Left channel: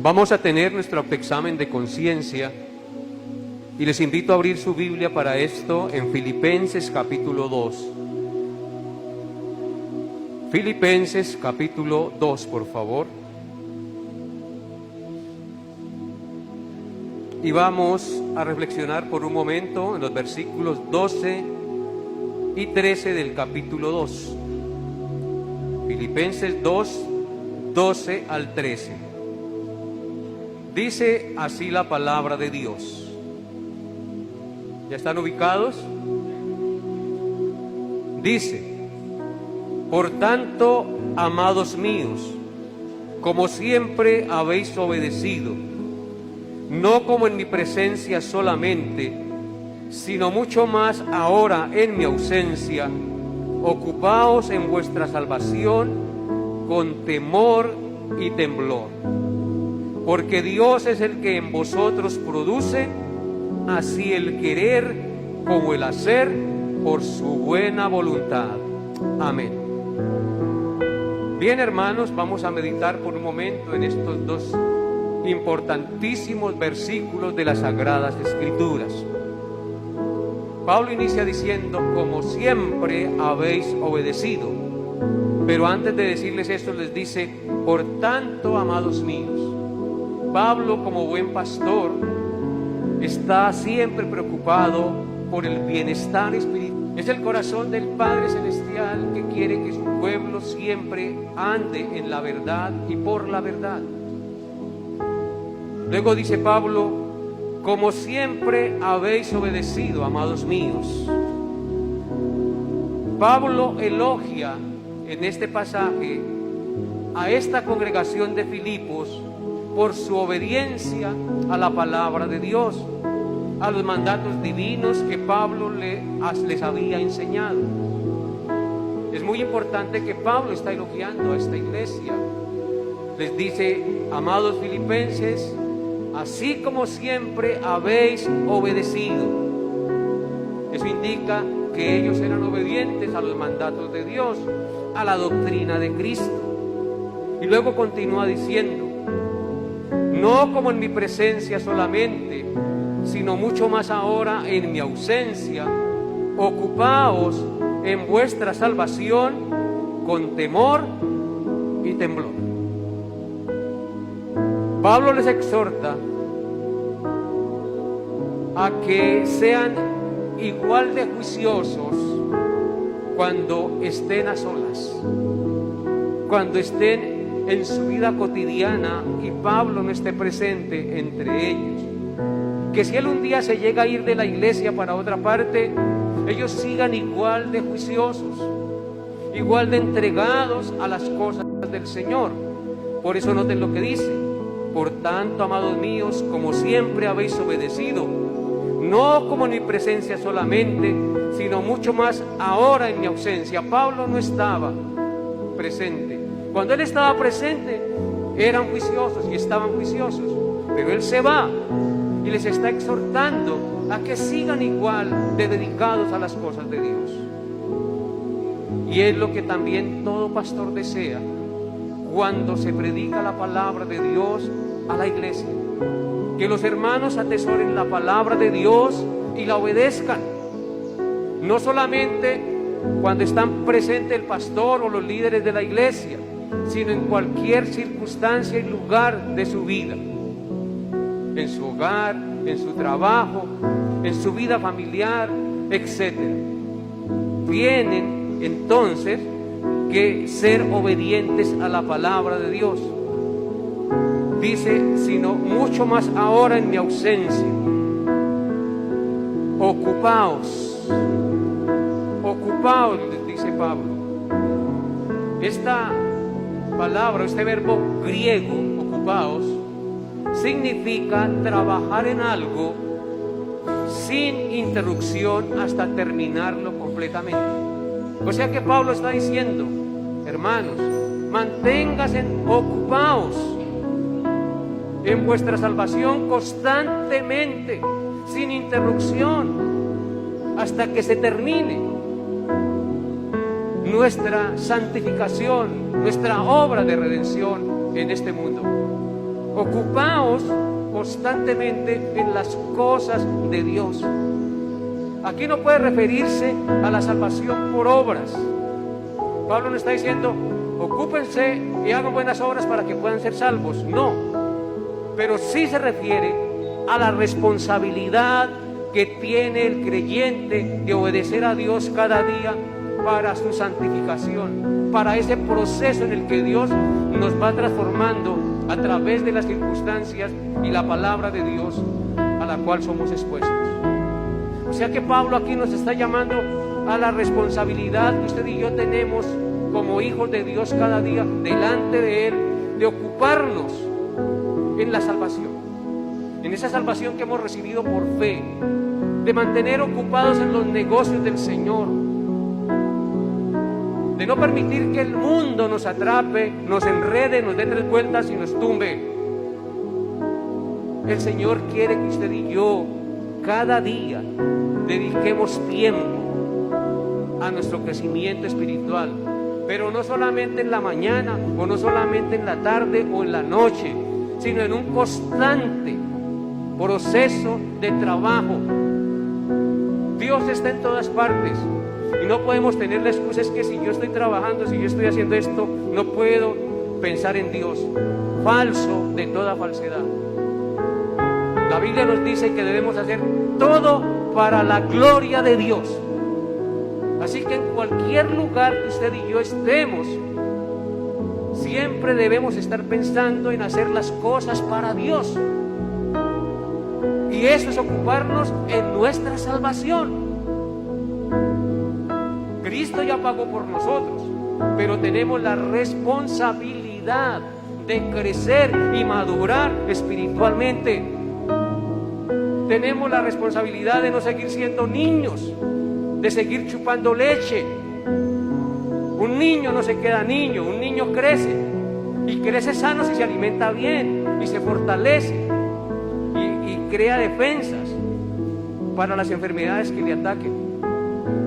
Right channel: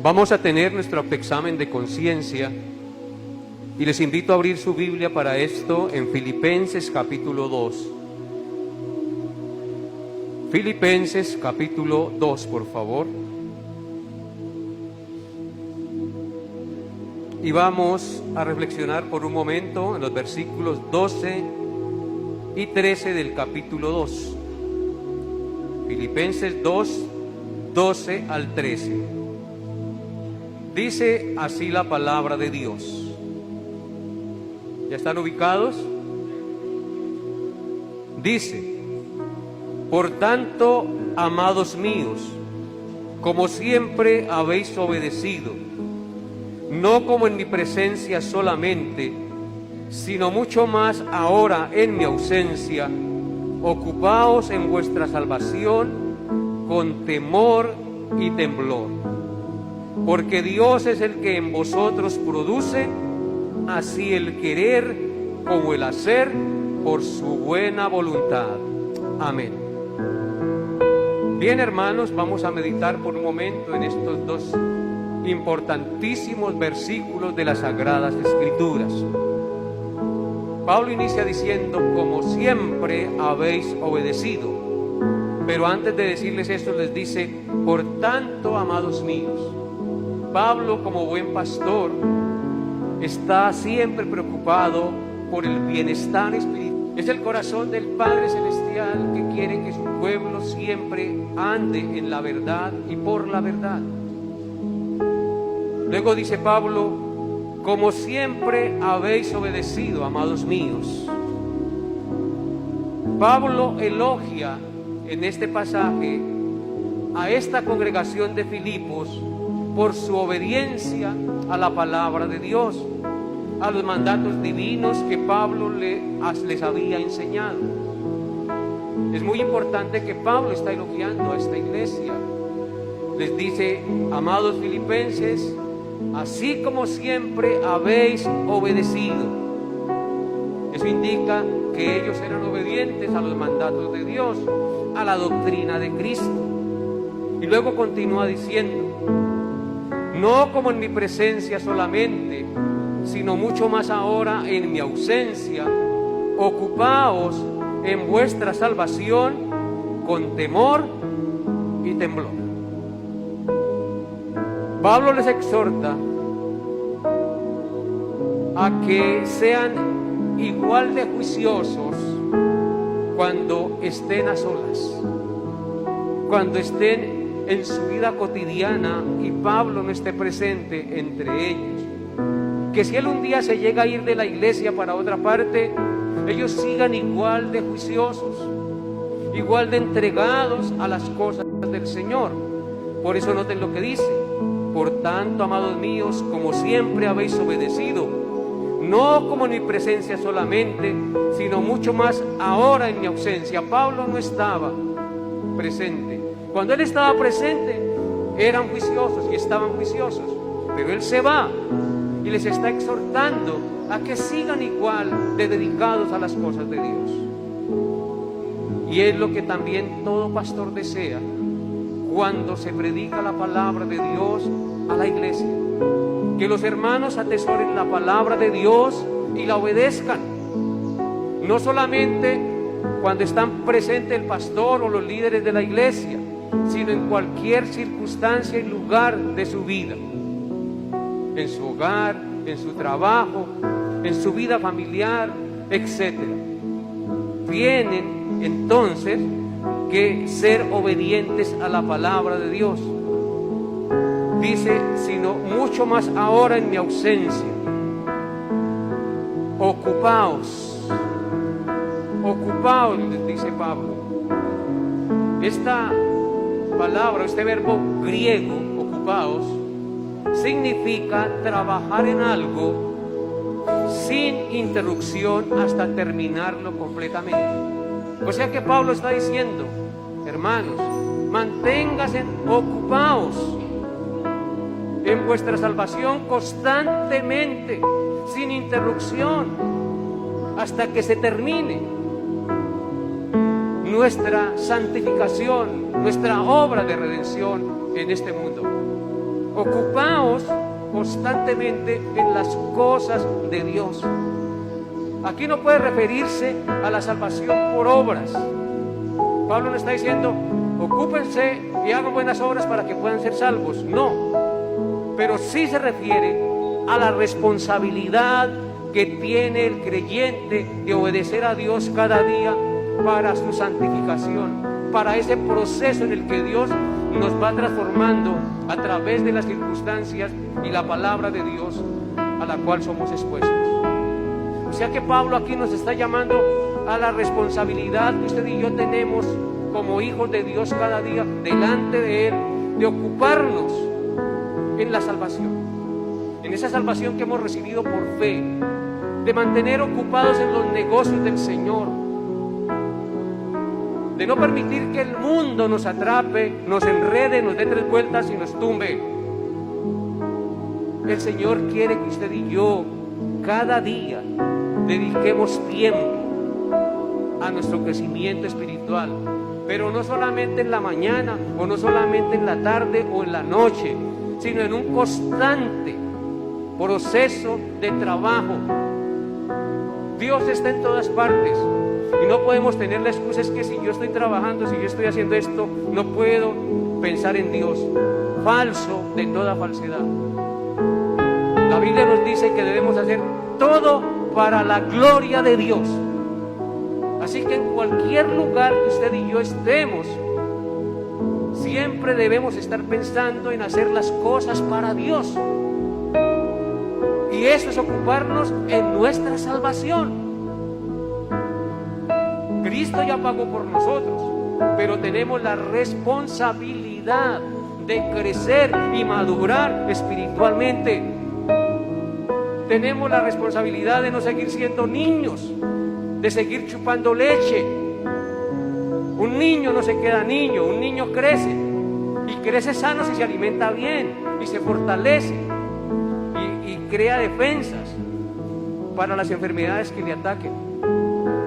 Vamos a tener nuestro autoexamen de conciencia y les invito a abrir su Biblia para esto en Filipenses capítulo 2. Filipenses capítulo 2, por favor. Y vamos a reflexionar por un momento en los versículos 12 y 13 del capítulo 2. Filipenses 2, 12 al 13. Dice así la palabra de Dios. ¿Ya están ubicados? Dice: por tanto, amados míos, como siempre habéis obedecido, no como en mi presencia solamente, sino mucho más ahora en mi ausencia, ocupaos en vuestra salvación con temor y temblor. Porque Dios es el que en vosotros produce así el querer como el hacer por su buena voluntad. Amén. Bien, hermanos, vamos a meditar por un momento en estos dos importantísimos versículos de las Sagradas Escrituras. Pablo inicia diciendo: como siempre habéis obedecido. Pero antes de decirles esto les dice: por tanto, amados míos. Pablo, como buen pastor, está siempre preocupado por el bienestar espiritual. Es el corazón del Padre Celestial que quiere que su pueblo siempre ande en la verdad y por la verdad. Luego dice Pablo: como siempre habéis obedecido, amados míos. Pablo elogia en este pasaje a esta congregación de Filipos por su obediencia a la palabra de Dios, a los mandatos divinos que Pablo les había enseñado. Es muy importante que Pablo está elogiando a esta iglesia. Les dice: amados filipenses, así como siempre habéis obedecido. Eso indica que ellos eran obedientes a los mandatos de Dios, a la doctrina de Cristo. Y luego continúa diciendo: no como en mi presencia solamente, sino mucho más ahora en mi ausencia, ocupaos en vuestra salvación con temor y temblor. Pablo les exhorta a que sean igual de juiciosos cuando estén a solas, cuando estén en su vida cotidiana y Pablo no esté presente entre ellos. Que si él un día se llega a ir de la iglesia para otra parte, ellos sigan igual de juiciosos, igual de entregados a las cosas del Señor. Por eso noten lo que dice: por tanto, amados míos, como siempre habéis obedecido, no como en mi presencia solamente, sino mucho más ahora en mi ausencia. Pablo no estaba presente. Cuando él estaba presente, eran juiciosos y estaban juiciosos, pero él se va y les está exhortando a que sigan igual de dedicados a las cosas de Dios. Y es lo que también todo pastor desea cuando se predica la palabra de Dios a la iglesia: que los hermanos atesoren la palabra de Dios y la obedezcan, no solamente cuando están presentes el pastor o los líderes de la iglesia, sino en cualquier circunstancia y lugar de su vida, en su hogar, en su trabajo, en su vida familiar, etc. Tienen entonces que ser obedientes a la palabra de Dios. Dice: sino mucho más ahora en mi ausencia, ocupaos, les dice Pablo. Esta palabra, este verbo griego, ocupaos, significa trabajar en algo sin interrupción hasta terminarlo completamente. O sea que Pablo está diciendo: hermanos, manténganse ocupados en vuestra salvación constantemente, sin interrupción, hasta que se termine nuestra santificación, nuestra obra de redención en este mundo. Ocupaos constantemente en las cosas de Dios. Aquí no puede referirse a la salvación por obras. Pablo no está diciendo, ocúpense y hagan buenas obras para que puedan ser salvos. No, pero sí se refiere a la responsabilidad que tiene el creyente de obedecer a Dios cada día para su santificación, para ese proceso en el que Dios nos va transformando a través de las circunstancias y la palabra de Dios a la cual somos expuestos. O sea que Pablo aquí nos está llamando a la responsabilidad que usted y yo tenemos como hijos de Dios cada día delante de Él, de ocuparnos en la salvación, en esa salvación que hemos recibido por fe, de mantener ocupados en los negocios del Señor, de no permitir que el mundo nos atrape, nos enrede, nos dé 3 vueltas y nos tumbe. El Señor quiere que usted y yo cada día dediquemos tiempo a nuestro crecimiento espiritual, pero no solamente en la mañana o no solamente en la tarde o en la noche, sino en un constante proceso de trabajo. Dios está en todas partes y no podemos tener la excusa es que si yo estoy trabajando, si yo estoy haciendo esto, no puedo pensar en Dios. Falso de toda falsedad. La Biblia nos dice que debemos hacer todo para la gloria de Dios. Así que en cualquier lugar que usted y yo estemos, siempre debemos estar pensando en hacer las cosas para Dios. Y eso es ocuparnos en nuestra salvación. Cristo ya pagó por nosotros, pero tenemos la responsabilidad de crecer y madurar espiritualmente. Tenemos la responsabilidad de no seguir siendo niños, de seguir chupando leche. Un niño no se queda niño, un niño crece y crece sano si se alimenta bien y se fortalece y crea defensas para las enfermedades que le ataquen.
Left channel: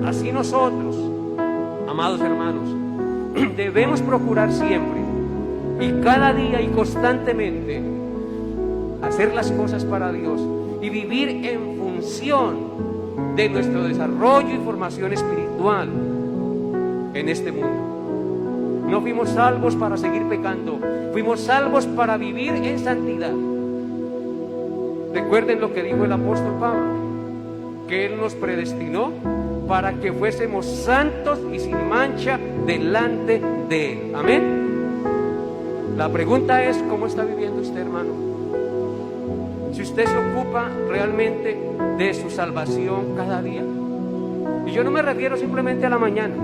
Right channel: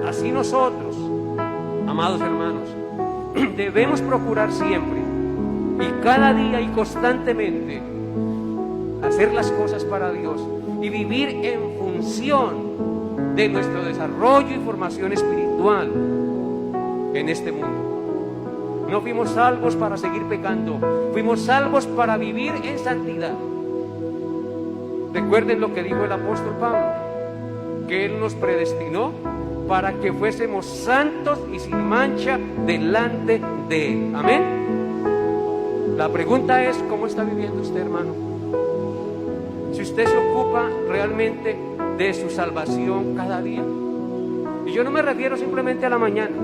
Así nosotros, amados hermanos, debemos procurar siempre y cada día y constantemente hacer las cosas para Dios y vivir en función de nuestro desarrollo y formación espiritual en este mundo. No fuimos salvos para seguir pecando, fuimos salvos para vivir en santidad. Recuerden lo que dijo el apóstol Pablo, que Él nos predestinó para que fuésemos santos y sin mancha delante de Él. Amén. La pregunta es, ¿cómo está viviendo usted, hermano? Si usted se ocupa realmente de su salvación cada día. Y yo no me refiero simplemente a la mañana.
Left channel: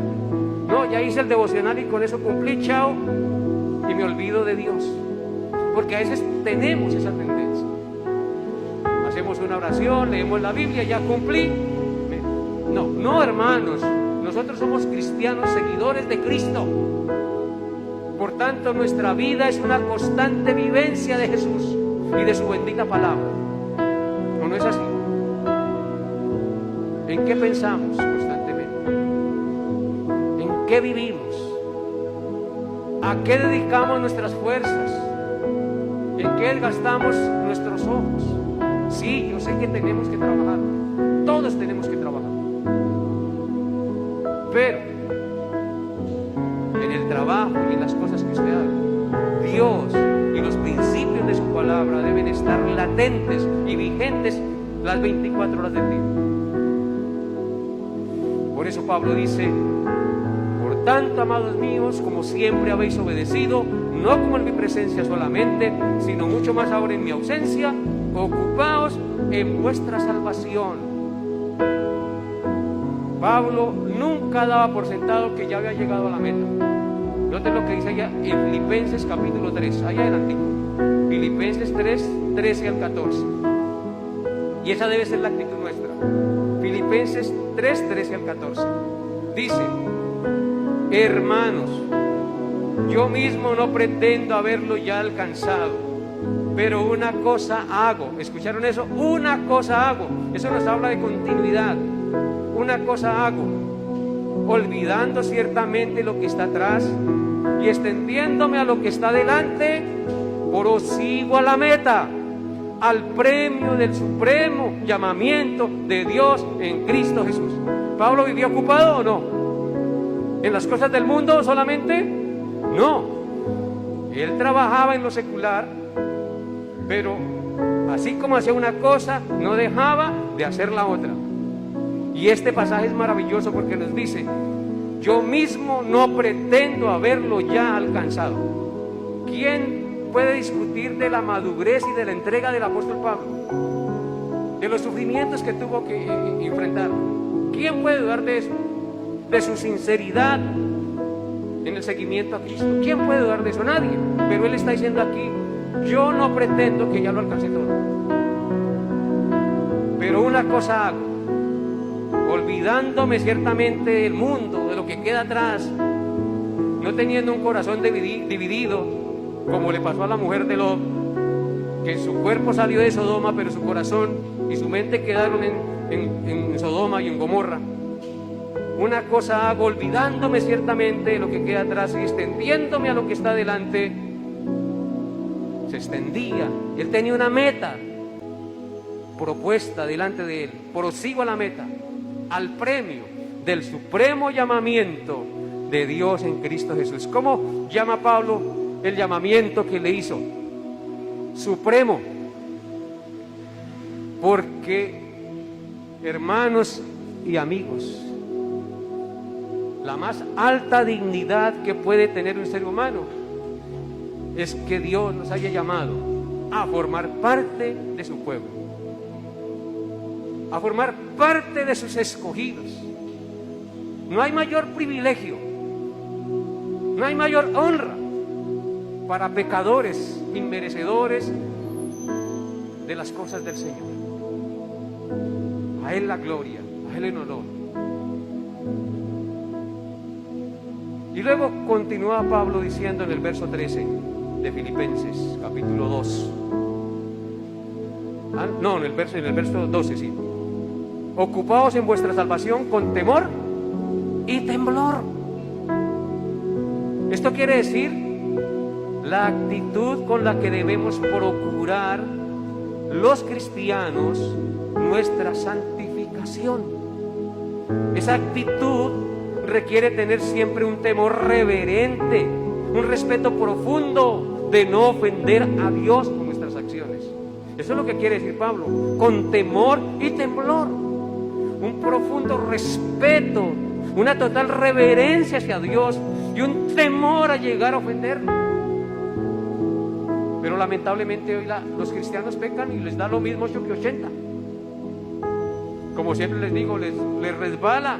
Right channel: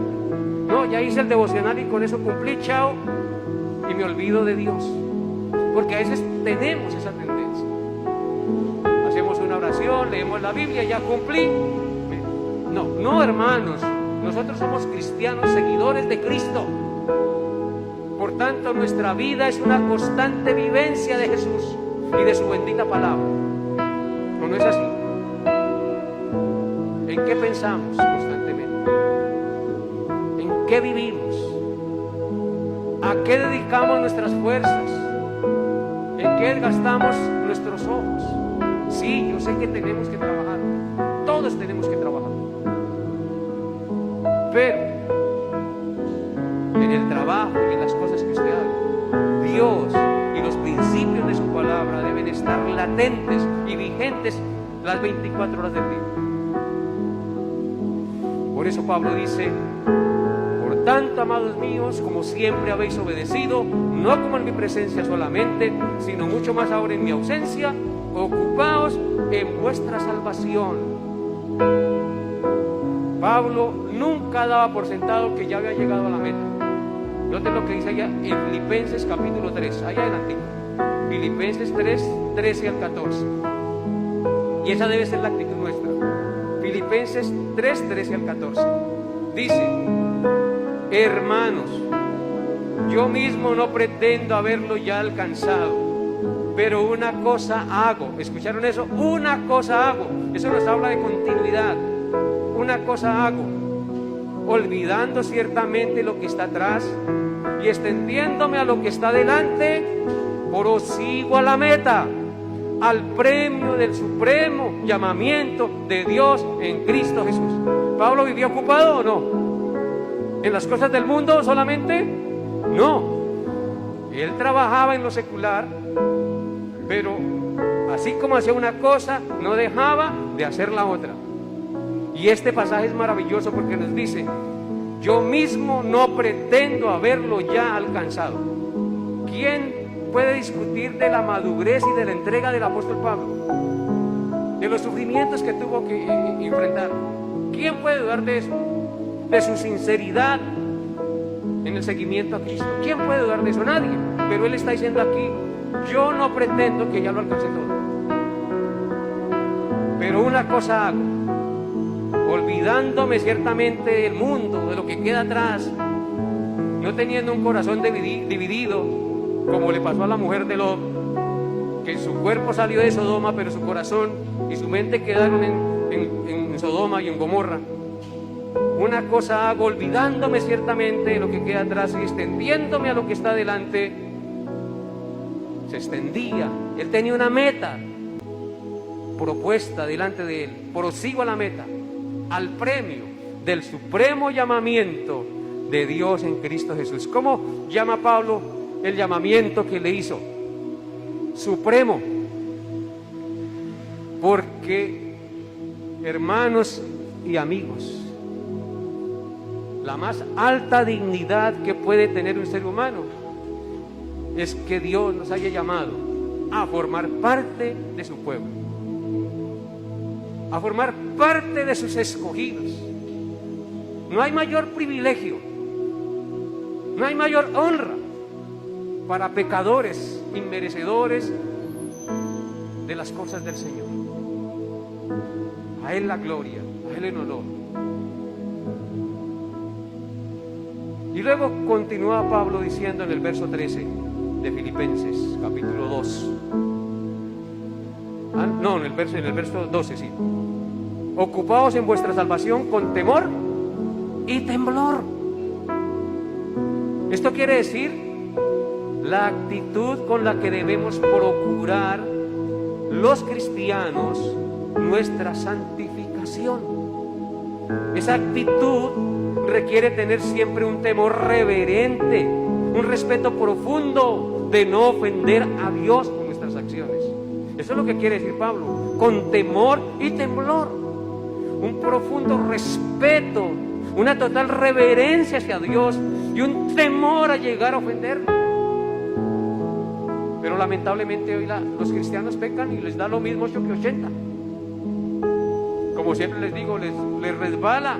No, ya hice el devocional y con eso cumplí, chao, y me olvido de Dios. Porque a veces tenemos esa tendencia. Hacemos una oración, leemos la Biblia, ya cumplí. No, hermanos, nosotros somos cristianos, seguidores de Cristo. Por tanto, nuestra vida es una constante vivencia de Jesús y de su bendita palabra. ¿O no es así? ¿En qué pensamos constantemente? ¿En qué vivimos? ¿A qué dedicamos nuestras fuerzas? ¿En qué gastamos nuestros ojos? Sí, yo sé que tenemos que trabajar. Todos tenemos que trabajar. Pero en el trabajo y en las cosas que usted haga, Dios y los principios de su palabra deben estar latentes y vigentes las 24 horas del día. Por eso Pablo dice: por tanto, amados míos, como siempre habéis obedecido, no como en mi presencia solamente, sino mucho más ahora en mi ausencia, ocupaos en vuestra salvación. Pablo nunca daba por sentado que ya había llegado a la meta. Noten lo que dice allá en Filipenses capítulo 3, allá adelantito. Filipenses 3, 13 al 14. Y esa debe ser la actitud nuestra. Filipenses 3, 13 al 14. Dice: hermanos, yo mismo no pretendo haberlo ya alcanzado, pero una cosa hago. ¿Escucharon eso? Una cosa hago. Eso nos habla de continuidad. Una cosa hago, olvidando ciertamente lo que está atrás y extendiéndome a lo que está delante, prosigo a la meta, al premio del supremo llamamiento de Dios en Cristo Jesús. ¿Pablo vivía ocupado o no? ¿En las cosas del mundo solamente? No. Él trabajaba en lo secular, pero así como hacía una cosa, no dejaba de hacer la otra. Y este pasaje es maravilloso porque nos dice: yo mismo no pretendo haberlo ya alcanzado. ¿Quién puede discutir de la madurez y de la entrega del apóstol Pablo? De los sufrimientos que tuvo que enfrentar. ¿Quién puede dudar de eso? De su sinceridad en el seguimiento a Cristo. ¿Quién puede dudar de eso? Nadie. Pero él está diciendo aquí: yo no pretendo que ya lo alcance todo, pero una cosa hago, olvidándome ciertamente del mundo, de lo que queda atrás, no teniendo un corazón dividido, como le pasó a la mujer de Lot, que su cuerpo salió de Sodoma, pero su corazón y su mente quedaron en Sodoma y en Gomorra. Una cosa hago, olvidándome ciertamente de lo que queda atrás y extendiéndome a lo que está delante. Se extendía, él tenía una meta propuesta delante de él. Prosigo a la meta, al premio del supremo llamamiento de Dios en Cristo Jesús. ¿Cómo llama Pablo el llamamiento que le hizo? Supremo. Porque, hermanos y amigos, la más alta dignidad que puede tener un ser humano es que Dios nos haya llamado a formar parte de su pueblo, a formar parte de sus escogidos. No hay mayor privilegio, no hay mayor honra para pecadores inmerecedores de las cosas del Señor. A Él la gloria, a Él el honor. Y luego continúa Pablo diciendo en el verso 13 de Filipenses, capítulo 2. En el verso 12, sí. Ocupaos en vuestra salvación con temor y temblor. Esto quiere decir la actitud con la que debemos procurar los cristianos nuestra santificación. Esa actitud requiere tener siempre un temor reverente, un respeto profundo de no ofender a Dios con nuestras acciones. Eso es lo que quiere decir Pablo, con temor y temblor, un profundo respeto, una total reverencia hacia Dios y un temor a llegar a ofenderlo. Pero lamentablemente hoy los cristianos pecan y les da lo mismo 8 que 80. Como siempre les digo, les resbala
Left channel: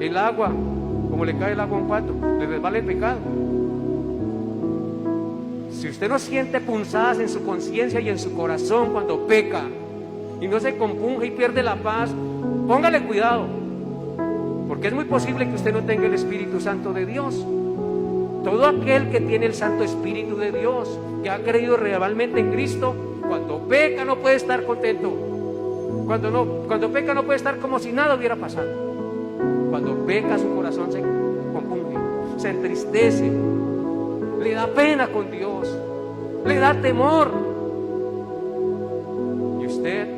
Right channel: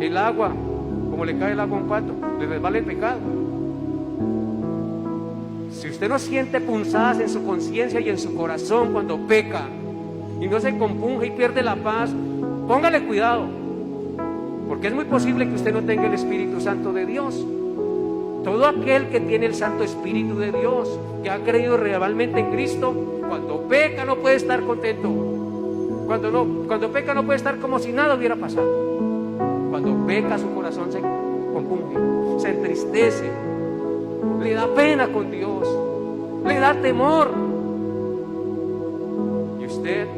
el agua, como le cae el agua a un pato, les resbala el pecado. Si usted no siente punzadas en su conciencia y en su corazón cuando peca y no se compunge y pierde la paz, póngale cuidado, porque es muy posible que usted no tenga el Espíritu Santo de Dios. Todo aquel que tiene el Santo Espíritu de Dios, que ha creído realmente en Cristo, cuando peca no puede estar contento. Cuando peca no puede estar como si nada hubiera pasado. Cuando peca su corazón se compunge, se entristece, le da pena con Dios, le da temor. Y usted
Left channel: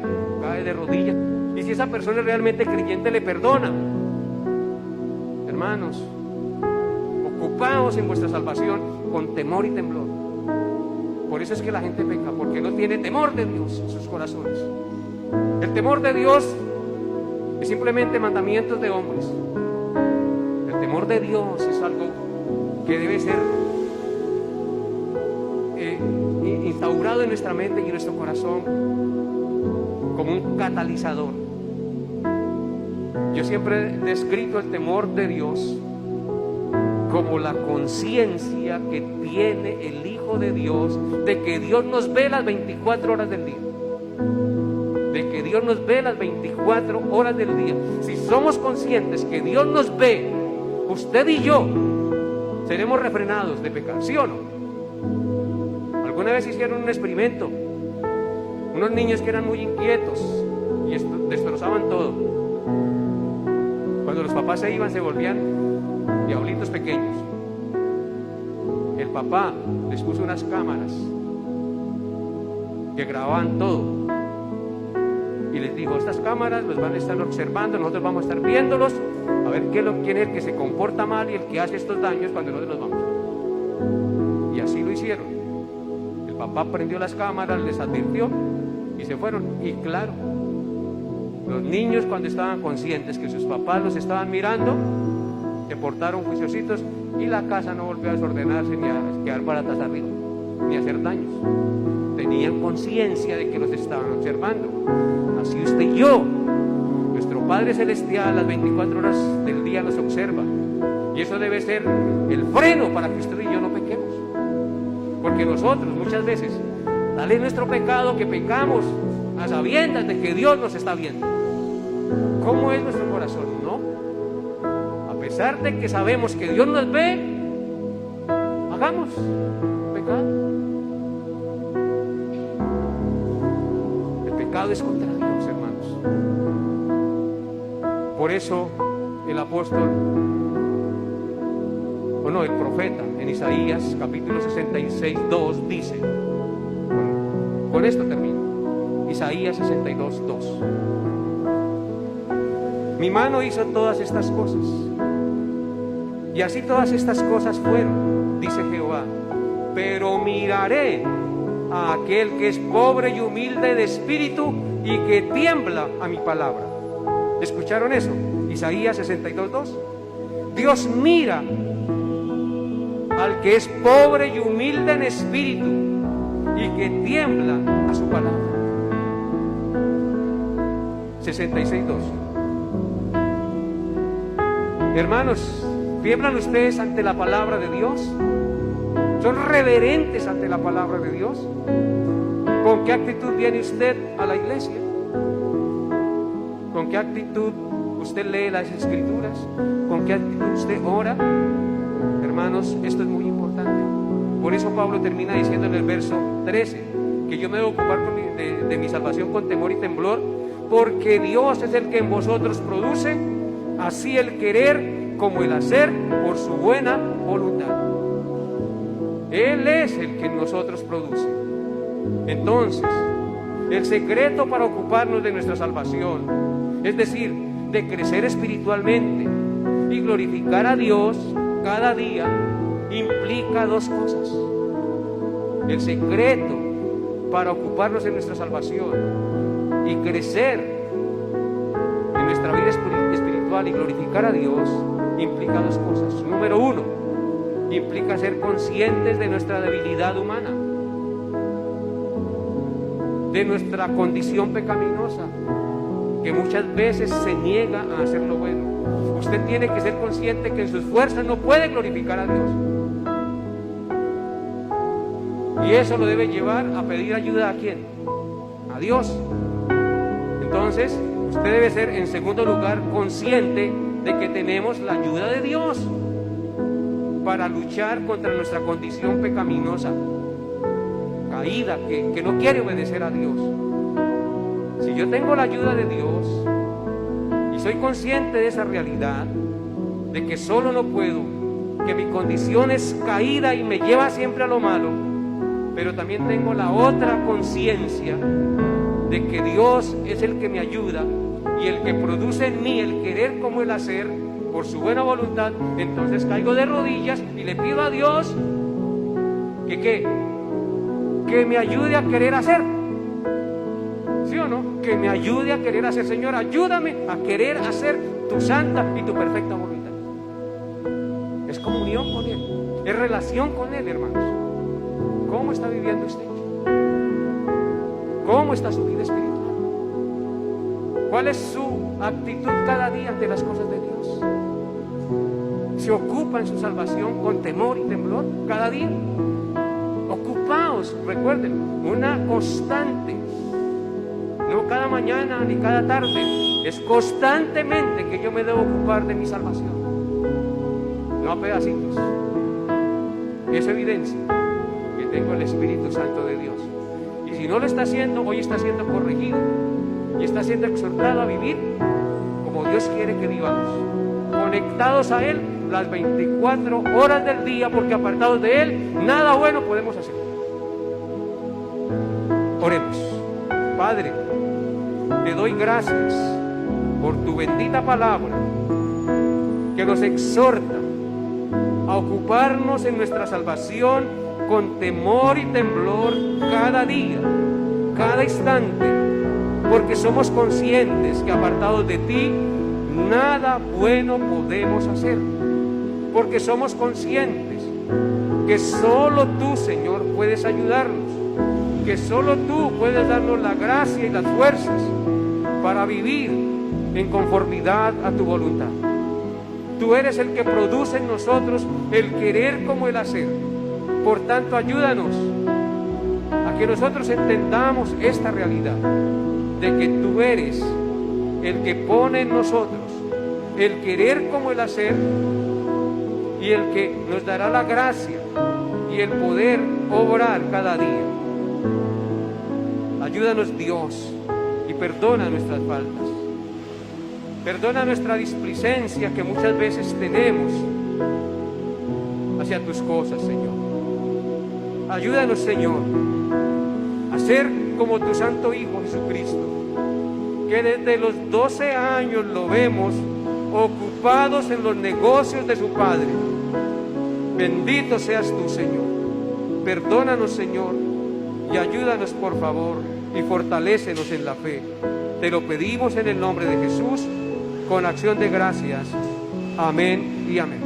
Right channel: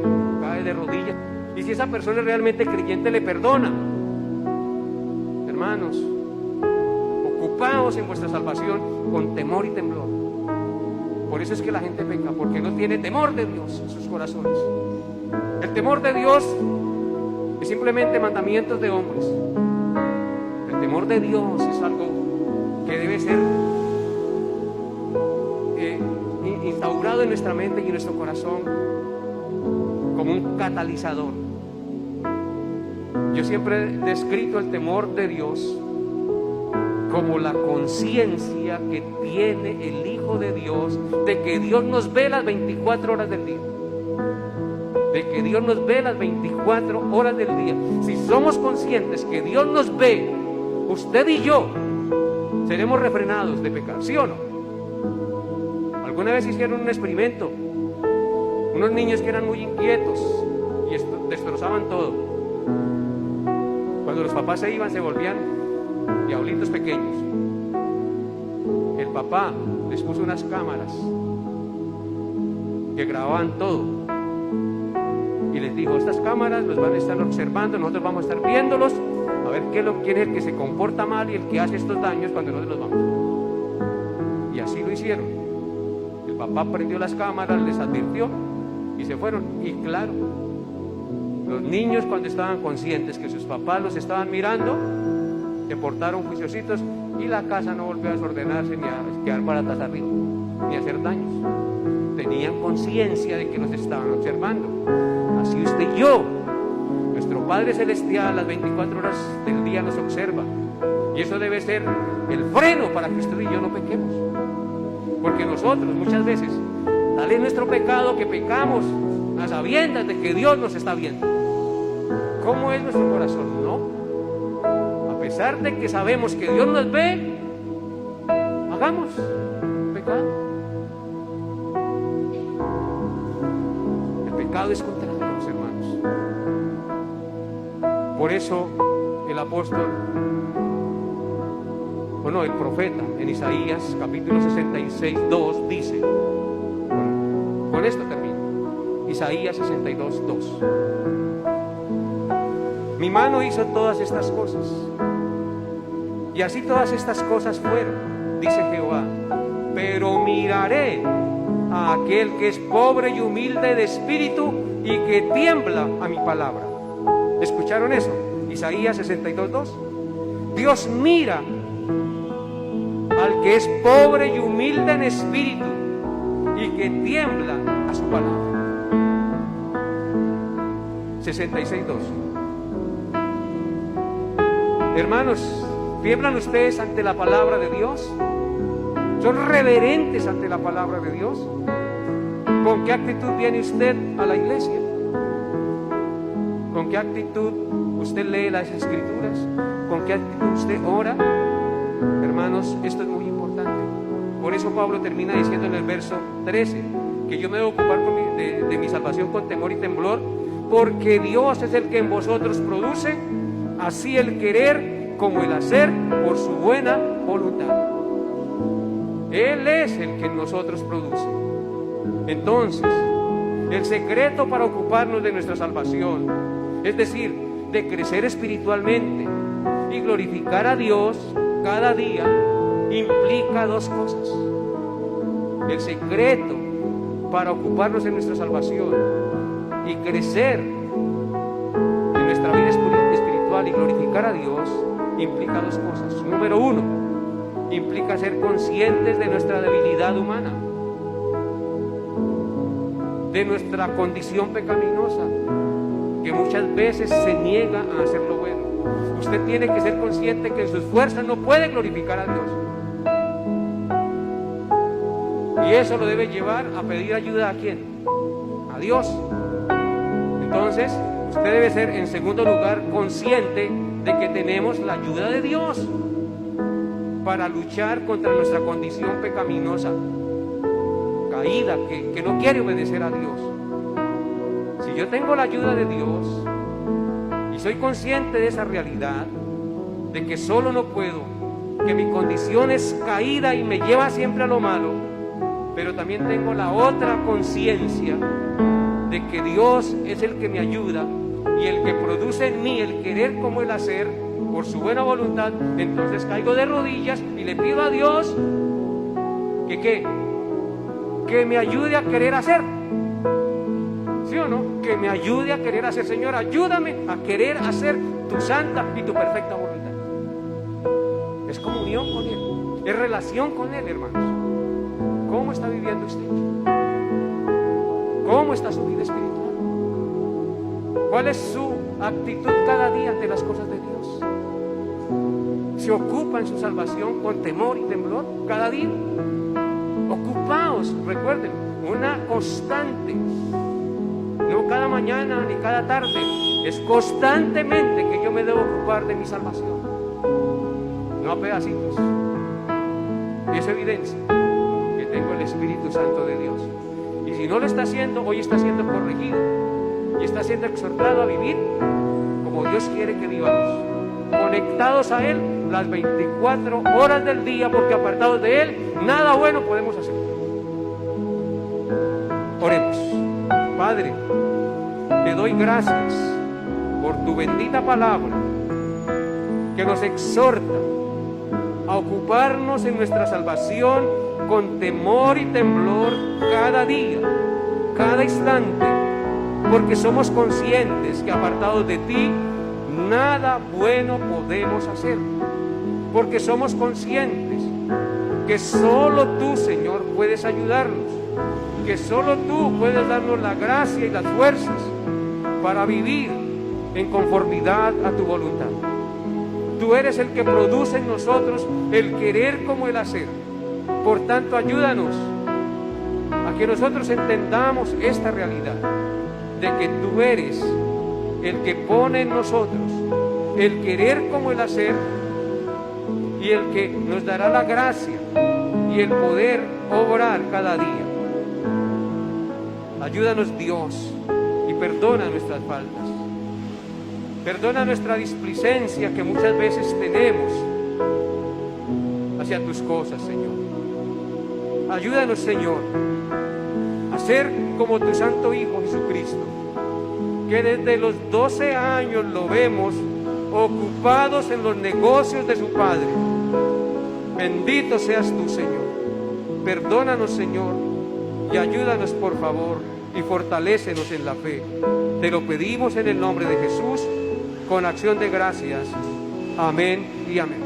cae de rodillas. Y si esa persona es realmente creyente, le perdona. Hermanos, ocupaos en vuestra salvación con temor y temblor. Por eso es que la gente peca, porque no tiene temor de Dios en sus corazones. El temor de Dios es simplemente mandamientos de hombres. El temor de Dios es algo que debe ser instaurado en nuestra mente y en nuestro corazón como un catalizador. Yo siempre he descrito el temor de Dios como la conciencia que tiene el Hijo de Dios de que Dios nos ve las 24 horas del día. De que Dios nos ve las 24 horas del día. Si somos conscientes que Dios nos ve, usted y yo seremos refrenados de pecar, ¿sí o no? Alguna vez hicieron un experimento, unos niños que eran muy inquietos y destrozaban todo. Cuando los papás se iban, se volvían diablitos pequeños. el papá les puso unas cámaras que grababan todo y les dijo: estas cámaras los van a estar observando, nosotros vamos a estar viéndolos a ver quién es el que se comporta mal y el que hace estos daños cuando nosotros los vamos. Y así lo hicieron. El papá prendió las cámaras, les advirtió y se fueron. Y claro, los niños, cuando estaban conscientes que sus papás los estaban mirando, se portaron juiciositos y la casa no volvió a desordenarse ni a quedar baratas arriba, ni a hacer daños. Tenían conciencia de que los estaban observando. Así usted y yo, nuestro Padre Celestial, las 24 horas del día nos observa. Y eso debe ser el freno para que usted y yo no pequemos. Porque nosotros muchas veces, tal es nuestro pecado que pecamos a sabiendas de que Dios nos está viendo. ¿Cómo es nuestro corazón? No. A pesar de que sabemos que Dios nos ve, hagamos pecado. El pecado es contra Dios, hermanos. Por eso el apóstol, el profeta en Isaías capítulo 66, 2 dice, con esto termino, Isaías 62, 2: mi mano hizo todas estas cosas, y así todas estas cosas fueron, dice Jehová, pero miraré a aquel que es pobre y humilde de espíritu y que tiembla a mi palabra. ¿Escucharon eso? Isaías 62, 2. Dios mira al que es pobre y humilde en espíritu y que tiembla a su palabra. 66, 2. Hermanos, ¿tiemblan ustedes ante la palabra de Dios? ¿Son reverentes ante la palabra de Dios? ¿Con qué actitud viene usted a la iglesia? ¿Con qué actitud usted lee las Escrituras? ¿Con qué actitud usted ora? Hermanos, esto es muy importante. Por eso Pablo termina diciendo en el verso 13 que yo me debo ocupar de mi salvación con temor y temblor, porque Dios es el que en vosotros produce así el querer como el hacer por su buena voluntad. Él es el que en nosotros produce. Entonces, el secreto para ocuparnos de nuestra salvación, es decir, de crecer espiritualmente y glorificar a Dios cada día, implica dos cosas. El secreto para ocuparnos de nuestra salvación y crecer en nuestra vida espiritual y glorificar a Dios implica dos cosas. Número uno, implica ser conscientes de nuestra debilidad humana, de nuestra condición pecaminosa, que muchas veces se niega a hacer lo bueno. Usted tiene que ser consciente que en sus fuerzas no puede glorificar a Dios. Y eso lo debe llevar a pedir ayuda ¿a quién? A Dios. Entonces, usted debe ser, en segundo lugar, consciente de que tenemos la ayuda de Dios para luchar contra nuestra condición pecaminosa, caída, que no quiere obedecer a Dios. Si yo tengo la ayuda de Dios y soy consciente de esa realidad, de que solo no puedo, que mi condición es caída y me lleva siempre a lo malo, pero también tengo la otra conciencia de que Dios es el que me ayuda y el que produce en mí el querer como el hacer por su buena voluntad, entonces caigo de rodillas y le pido a Dios que me ayude a querer hacer. ¿Sí o no? Que me ayude a querer hacer. Señor, ayúdame a querer hacer tu santa y tu perfecta voluntad. Es comunión con Él, es relación con Él, hermanos. ¿Cómo está viviendo usted? ¿Cómo está su vida espiritual? ¿Cuál es su actitud cada día ante las cosas de Dios? ¿Se ocupa en su salvación con temor y temblor cada día? Ocupaos, recuerden, una constante. No cada mañana ni cada tarde, es constantemente que yo me debo ocupar de mi salvación, no a pedacitos. Es evidencia que tengo el Espíritu Santo de Dios, y si no lo está haciendo, hoy está siendo corregido y está siendo exhortado a vivir como Dios quiere que vivamos, conectados a Él las 24 horas del día, porque apartados de Él, nada bueno podemos hacer. Oremos. Padre, te doy gracias por tu bendita palabra, que nos exhorta a ocuparnos en nuestra salvación con temor y temblor cada día, cada instante, porque somos conscientes que apartados de ti, nada bueno podemos hacer, porque somos conscientes que solo tú, Señor, puedes ayudarnos, que solo tú puedes darnos la gracia y las fuerzas para vivir en conformidad a tu voluntad. Tú eres el que produce en nosotros el querer como el hacer. Por tanto, ayúdanos a que nosotros entendamos esta realidad de que tú eres el que pone en nosotros el querer como el hacer, y el que nos dará la gracia y el poder obrar cada día. Ayúdanos, Dios, y perdona nuestras faltas. Perdona nuestra displicencia que muchas veces tenemos hacia tus cosas, Señor. Ayúdanos, Señor, a ser como tu Santo Hijo Jesucristo, que desde los 12 años lo vemos ocupados en los negocios de su Padre. Bendito seas tú, Señor. Perdónanos, Señor, y ayúdanos, por favor, y fortalécenos en la fe. Te lo pedimos en el nombre de Jesús, con acción de gracias. Amén y amén.